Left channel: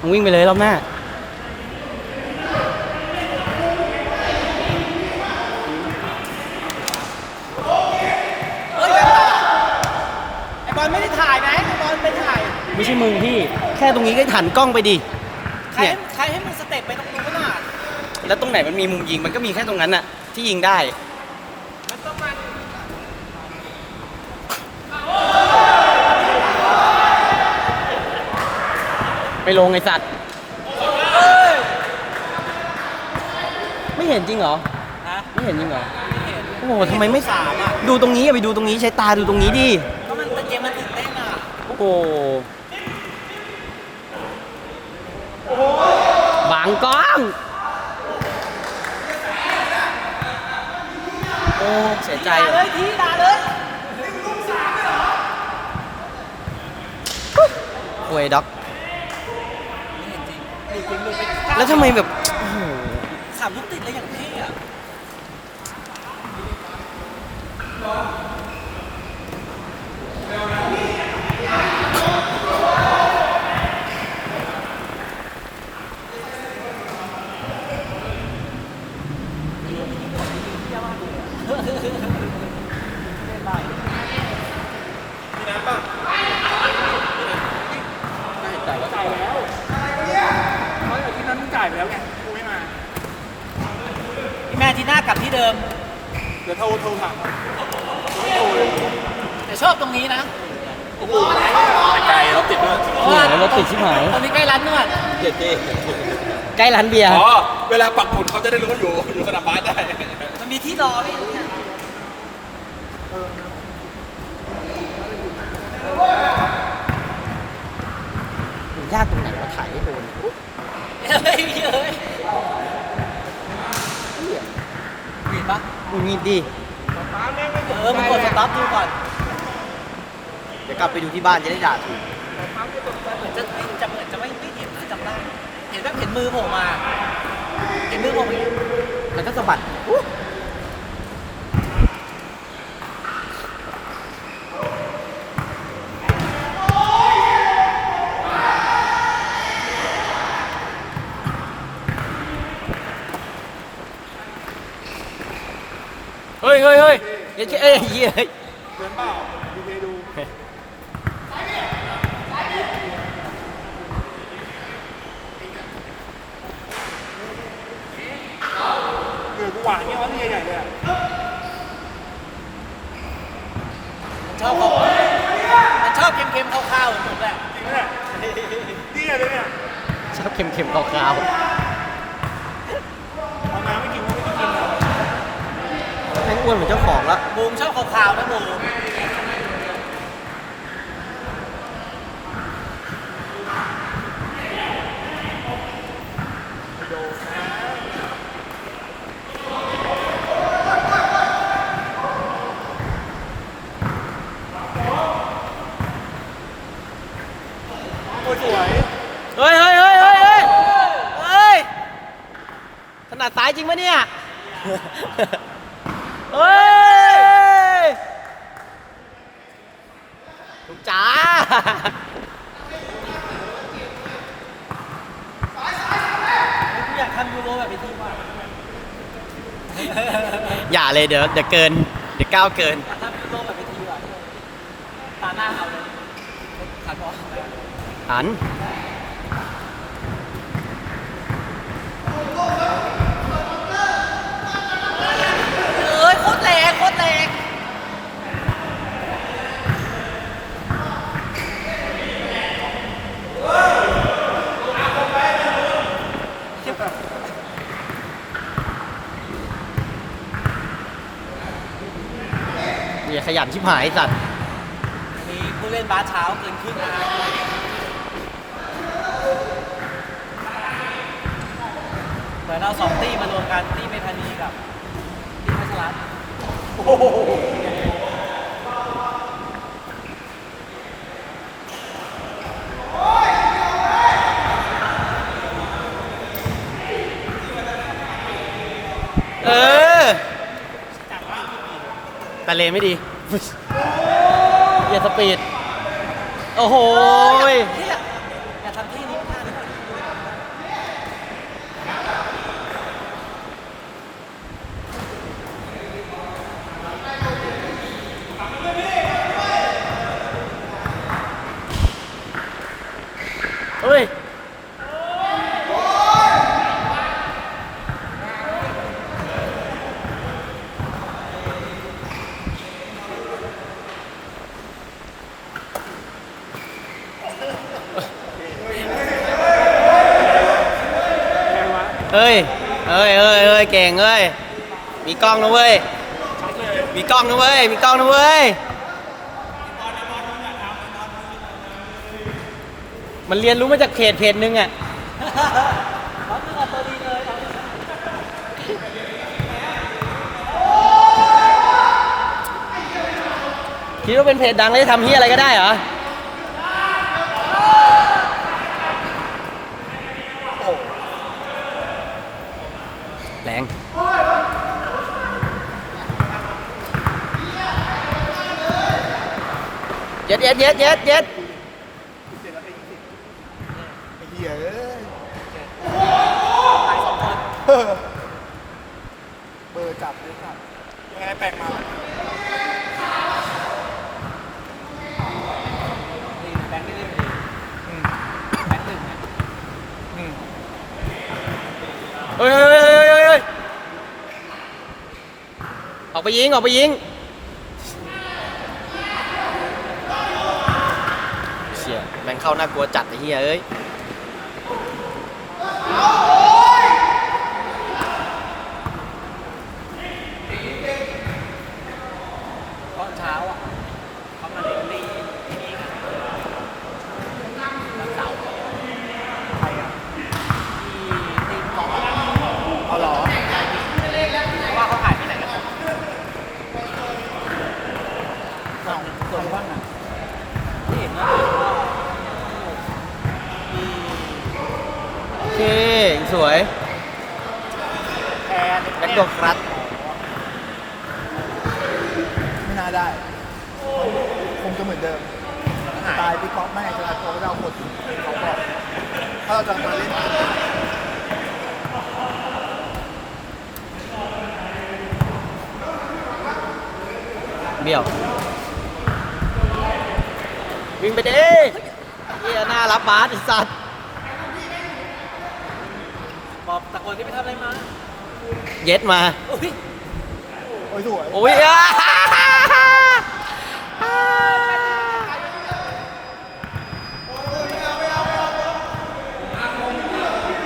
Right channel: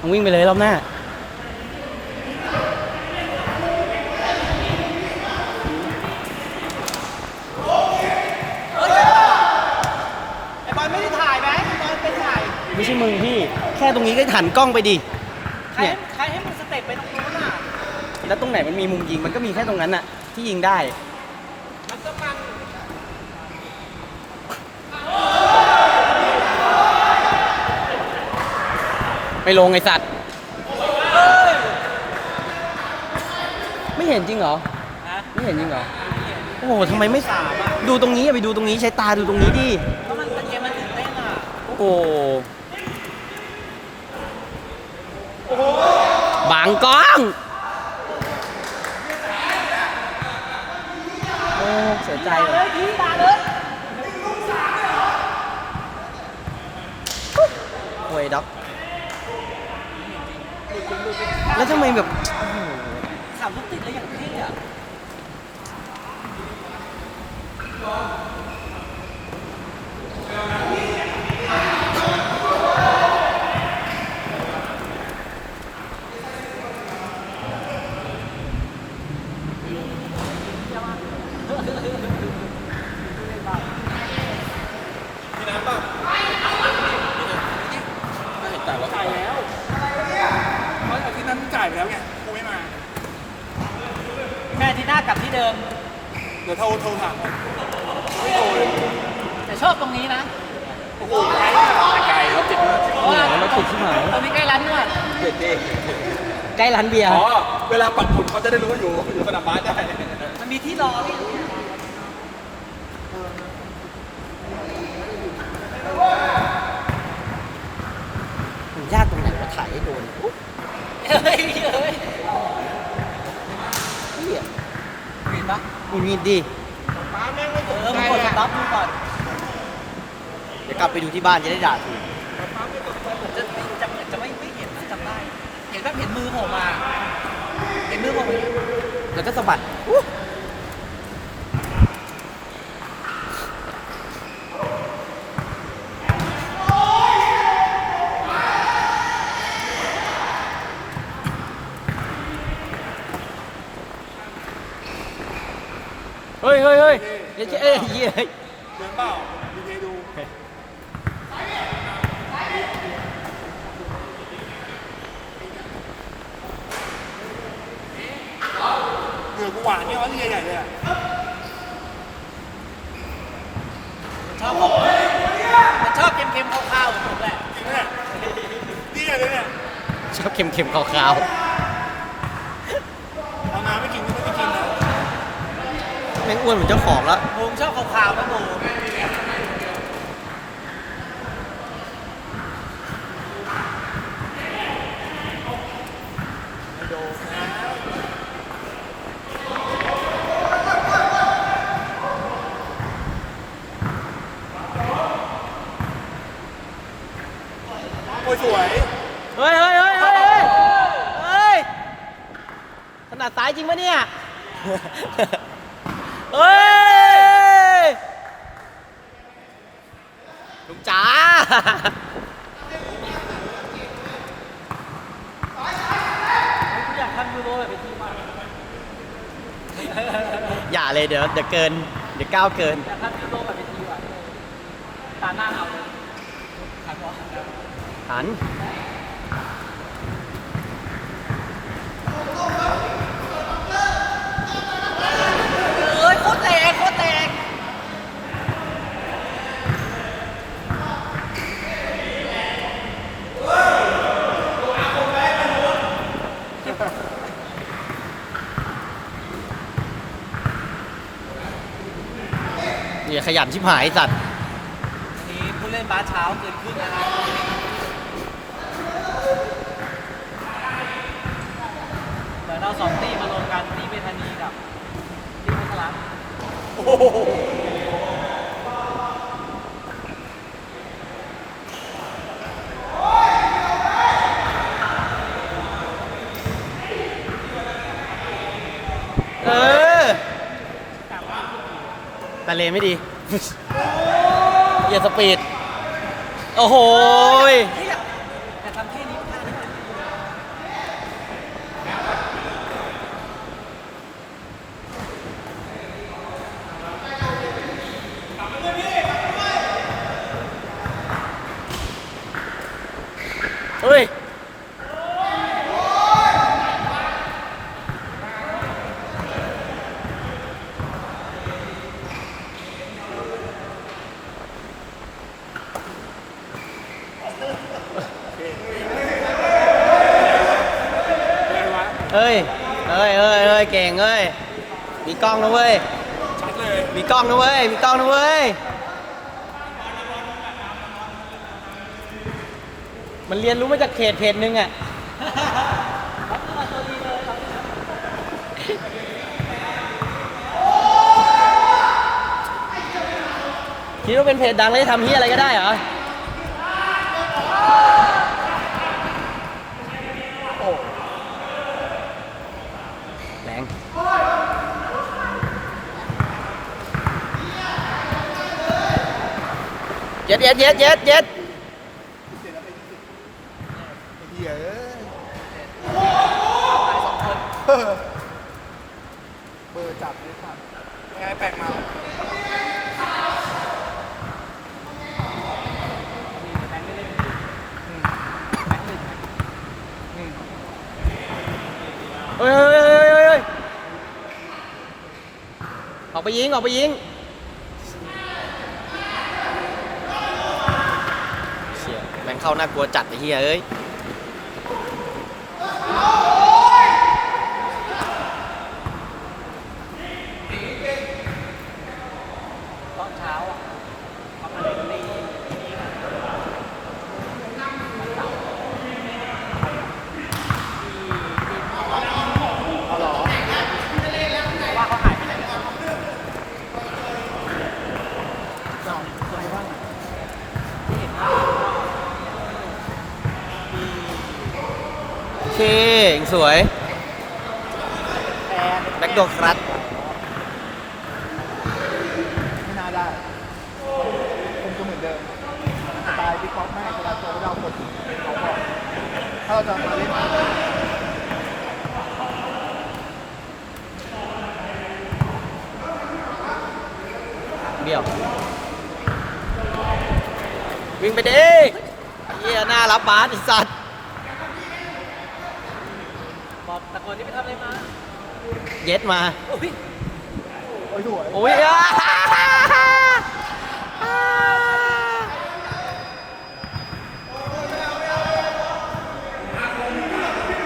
มึงวิ่งไปเลยรอบหน้าไอ้บอลไม่ได้ถ่ายนะไอ้บอลไม่ถ่ายไม่ใช่มึงพี่ แค่ตรงนี้ก็หันกล้องไปดิ ใครเนี่ย ใครให้มึงสเต็ปไปตรงนี้ก็ได้แล้วตรงไหนมันมีมุมยิงมันก็มีแค่ตรงนั้นน่ะที่ยิงได้ ไม่ลงไอสัตว์ ไม่เห็นจริงเหรอฮะไม่เห็นจริงเหรอ โอ้โหทำไมไม่ดูตรงนี้อย่าไปดูตรงนี้ใช้ตาดูตรงนี้ดิเพราะมันเกมมันตื่นเต้นอะโอ้โหบางกล้องเออเสียใจด่าว่ะเลยทีด่าเลยโวยด็อก แล้วทำไมแบบโอ้โหสามลูกติดเลยอย่างเท่อะที่นั้นจ่าย ไปแล้วไงกูไม่มาแม่ที่หน้ากลับที่เดิม เดี๋ยวโทรโทรถามแต่ชอบตรงนี้นะไกลแล้วติดด้วยเนี่ยรถติดชิบหายตรงนี้ใกล้ร้านนวดเด็ดเท่ใกล้ร้านเบียร์อ๋อ เวลาปักหมุดเขาจะได้รู้ว่าอยู่อยู่สนามบาสได้ มันมีที่รอไหมเนี่ยมันยากตรงไหนมาถ่ายให้โดน เฮ้ยเฮ้ยเหี้ยเห็นปะมึงงีดดิเออมึงกดสต็อปดูก่อน เดี๋ยวกลับไปดูที่บ้านจะได้ด่าถูกเหมือนจะจะจะไม่ไม่เห็นนะจำได้ เห็นแบบเห็นมือผมมา เห็นมือผมแล้วก็สะบัด เฮ้ยเฮ้ยเฮ้ยเอ้ยเอ้ยเหี้ยเหมือนเปล่าดีเพดูเหนือกูหวานเนี่ยว่านี่ใหญ่เลยอะชอบผมมันชอบเค็มๆคาวๆเหมือนผมแหละจริงไหมเนี่ยนี่ใหญ่เลยเนี่ย ชอบเค็มๆขาวอาน้ำไม่กินก็ไม่ได้กินนะ ๆแม่ง อ้วนเหมือนเจ้าของแล้วบูมชอบขาวๆไหมบูมโอ้ยสวยเฮ้ยเฮ้ยเฮ้ยเฮ้ยเฮ้ยเฮ้ยถนัดซ้ายจริงปะเนี่ย เฮ้ยจ๋าอยากทำยูโรแบบนี้อย่าเลยเดี๋ยวเดี๋ยวเกิน เดี๋ยวก้าวเกิน อยากทำยูโรแบบนี้ตาหน้าเราครับผมหัน เอ้ยโคตรแรงโคตรแรง อย่าขยันชิบหายสัตว์มีผู้เล่นบาสเช้าเกินครึ่งนะครับเหมือนเอาสองตีมารวมกันตีไม่ทันมีกับตีไม่สลับ เออ ตะเลไม่ดีอย่าสปีด โอ้โหย เฮ้ยอยากทำที่นี้มากเลย เฮ้ย เฮ้ยเฮ้ยเฮ้ยเฮ้ยเก่งเฮ้ย มีกล้องนะเว้ย มีกล้องนะเว้ย มีกล้องนะเว้ย มันเรียนรู้มาจากเพจเพจหนึ่งอะคิดว่าเป็นเพจดังแล้วจะทำเฮียอะไรก็ได้เหรอ งเย็ดเย็ดเย็ดเย็ดเย็ดไอ้เหี้ยเอ้ยเบอร์จับเลยค่ะยังไงแปลกมา เฮ้ย ออกไปยิง ออกไปยิง เชี่ยแม่งเข้าน่ากลัวจัดไอ้เหี้ยเอ้ย ตอนเช้าอะทำอะไรกันไม่ดีว่าเขาหายไปไหนกัน ไม่เห็นว่า โอ เคสวยแบ็คโดครัสไม่น่าได้ คงจะเหมือนเดิมตายไปก่อนไม่ก็ได้เราดังหมดถ้าเราจะมาเล่นเบี้ยว วิ่งไปดิเหี้ยหน้ารับบาสไอ้สัตว์ บ อกตะโกนที่ไปทำอะไรมาเย็ดมา โอ้ยโอ้ยสวยโอ้ยอะ